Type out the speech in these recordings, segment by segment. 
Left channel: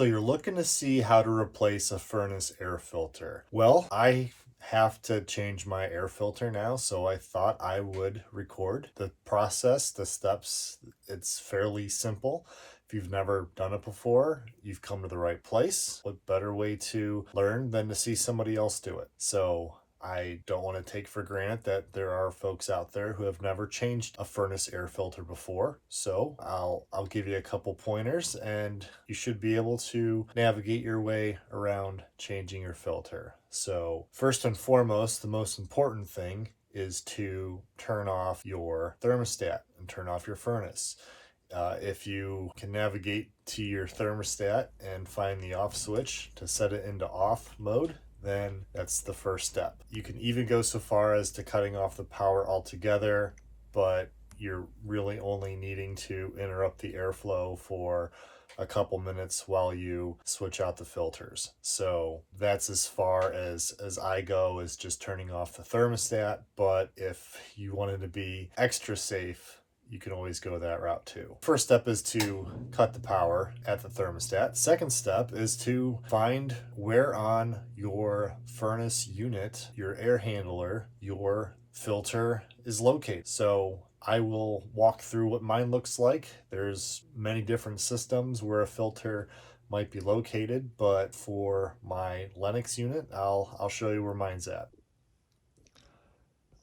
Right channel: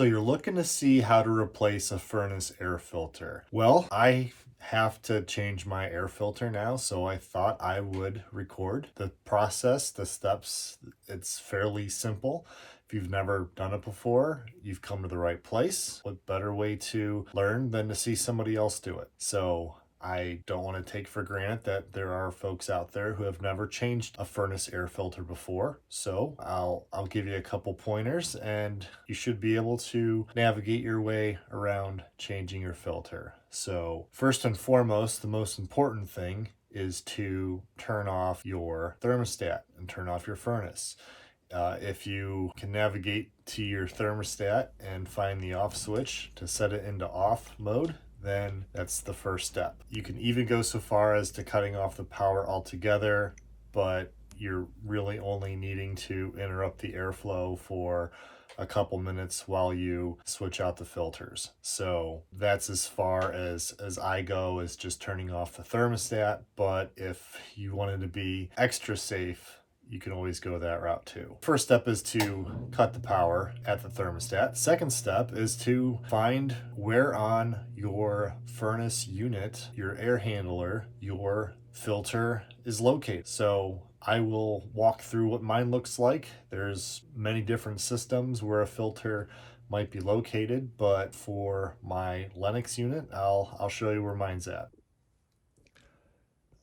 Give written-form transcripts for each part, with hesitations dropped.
So you're looking to see how to replace a furnace air filter. Well, I have to change my air filter now, so I thought I would record the process, the steps. It's fairly simple. If you've never done it before, you've come to the right place. What better way to learn than to see somebody else do it? So I don't want to take for granted that there are folks out there who have never changed a furnace air filter before. So I'll give you a couple pointers and you should be able to navigate your way around changing your filter. So first and foremost, the most important thing is to turn off your thermostat and turn off your furnace. If you can navigate to your thermostat and find the off switch to set it into off mode, then that's the first step. You can even go so far as to cutting off the power altogether, but you're really only needing to interrupt the airflow for a couple minutes while you switch out the filters. So that's as far as I go, is just turning off the thermostat. But if you wanted to be extra safe, you can always go that route too. First step is to cut the power at the thermostat. Second step is to find where on your furnace unit, your air handler, your filter is located. So I will walk through what mine looks like. There's many different systems where a filter might be located, but for my Lennox unit, I'll show you where mine's at.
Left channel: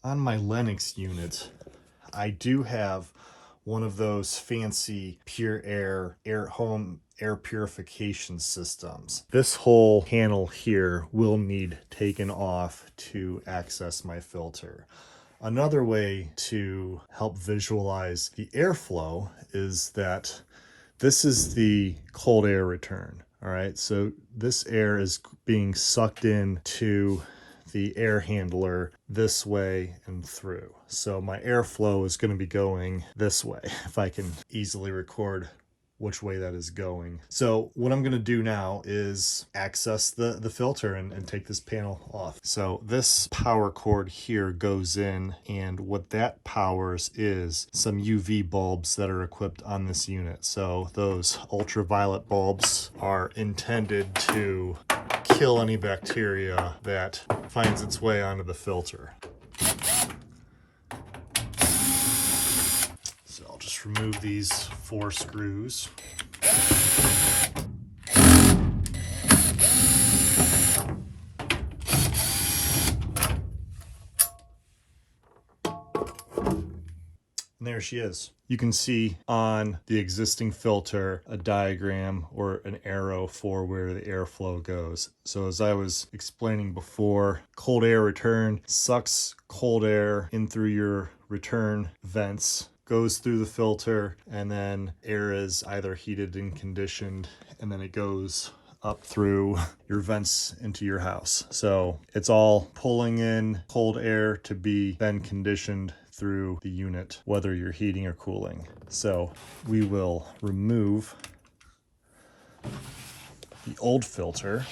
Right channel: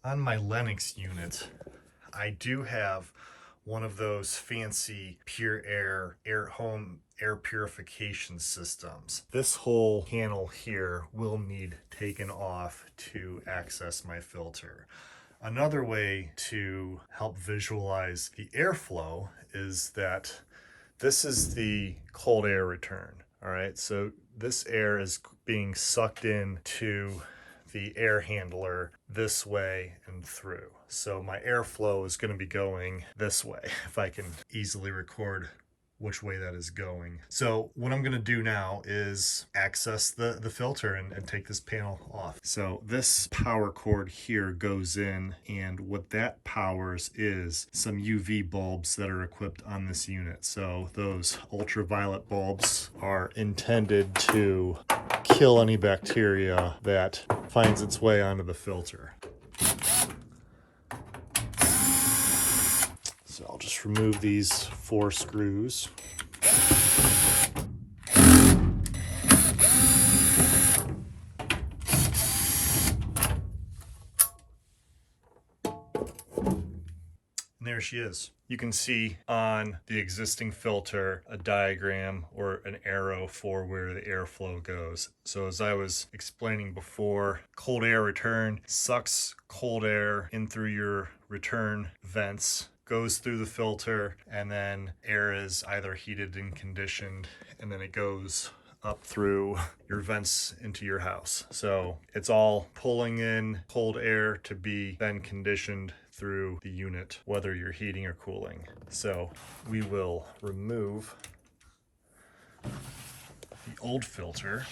On my Lennox unit, I do have one of those fancy pure air home air purification systems. This whole panel here will need taken off to access my filter. Another way to help visualize the airflow is that this is the cold air return. All right, so this air is being sucked into the air handler this way and through. So my airflow is going to be going this way, if I can easily record which way that is going. So what I'm going to do now is access the filter and take this panel off. So this power cord here goes in, and what that powers is some UV bulbs that are equipped on this unit. So those ultraviolet bulbs are intended to kill any bacteria that finds its way onto the filter. So I'll just remove these 4 screws. And there she is. You can see on the existing filter a diagram or an arrow for where the airflow goes. So as I was explaining before, cold air return sucks cold air in through your return vents, goes through the filter, and then air is either heated and conditioned, and then it goes up through your vents into your house. So it's all pulling in cold air to be then conditioned through the unit, whether you're heating or cooling. So we will remove the old filter.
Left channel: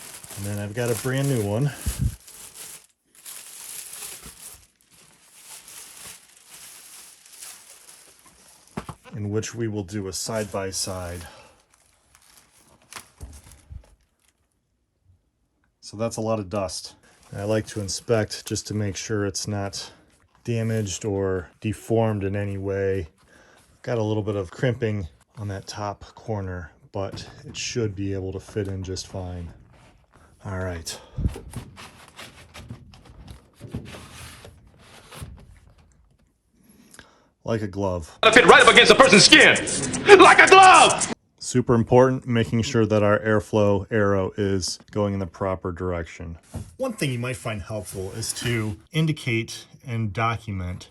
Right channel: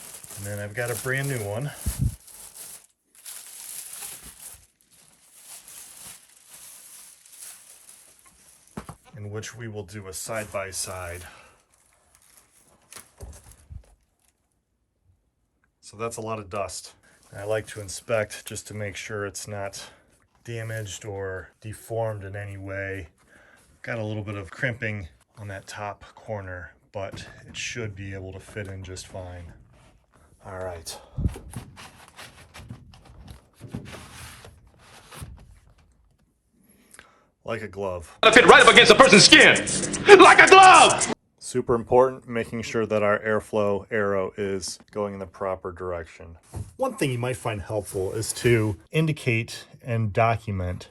And then I've got a brand new one. In which we will do a side-by-side. So that's a lot of dust. And I like to inspect just to make sure it's not damaged or deformed in any way. Got a little bit of crimping on that top corner, but it should be able to fit in just fine. All right. Like a glove. Fit right up against a person's skin, like a glove. Super important, making sure that our airflow arrow is going in the proper direction. One thing you might find helpful is to indicate and document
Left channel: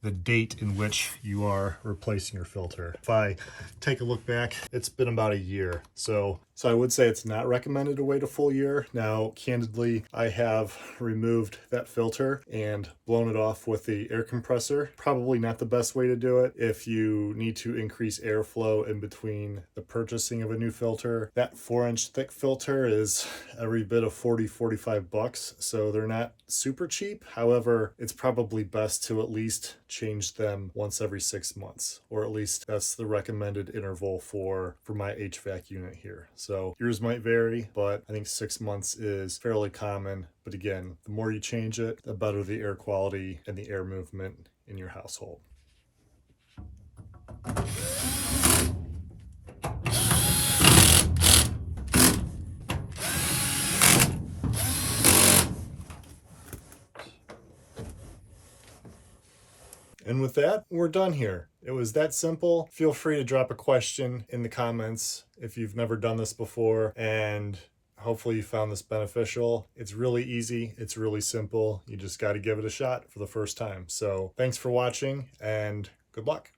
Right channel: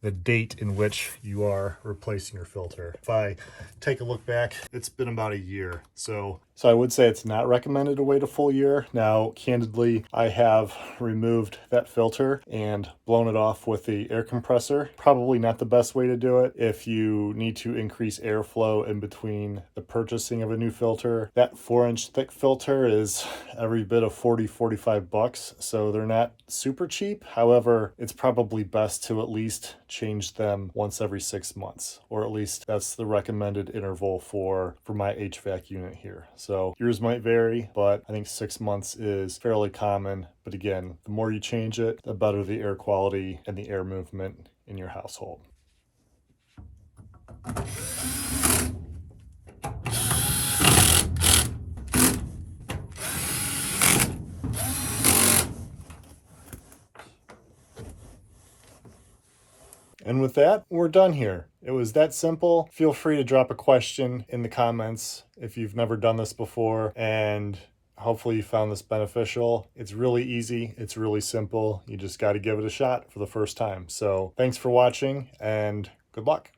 the date in which you are replacing your filter. If I take a look back, it's been about a year. So So I would say it's not recommended to wait a full year. Now, candidly, I have removed that filter and blown it off with the air compressor. Probably not the best way to do it if you need to increase airflow in between the purchasing of a new filter. That 4-inch thick filter is every bit of $40-45, so they're not super cheap. However, it's probably best to at least change them once every 6 months, or at least that's the recommended interval for my HVAC unit here. So yours might vary, but I think 6 months is fairly common. But again, the more you change it, the better the air quality and the air movement in your household. And with that, we're done here. It was that simple. Feel free to drop a question in the comments if you've never done this before, and hopefully you found this beneficial. It's really easy. It's really simple. You just got to give it a shot for the first time. So thanks for watching and good luck.